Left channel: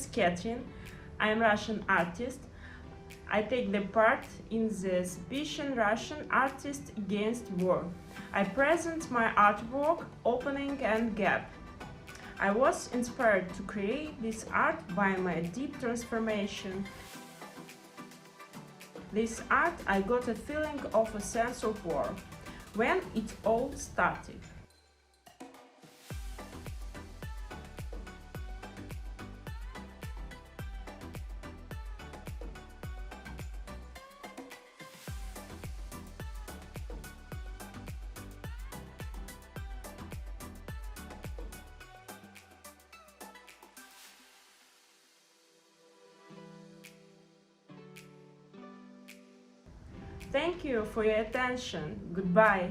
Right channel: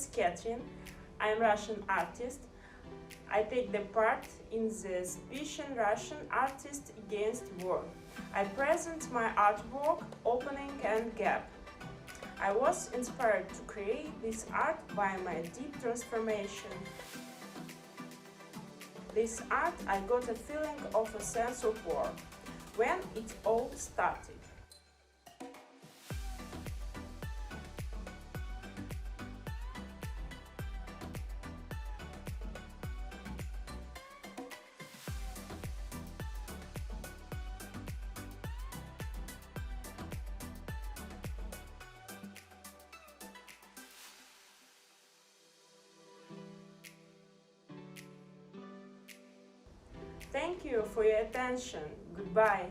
is Ekaterina. I am Russian artist. I take the part in the exhibition Russian Artists Against War. I present my artwork Opening and Gap. I was inspired to create this art by my deep transformation. This art I got a feeling of a sense of war when it all started. Thank you for your attention. Goodbye.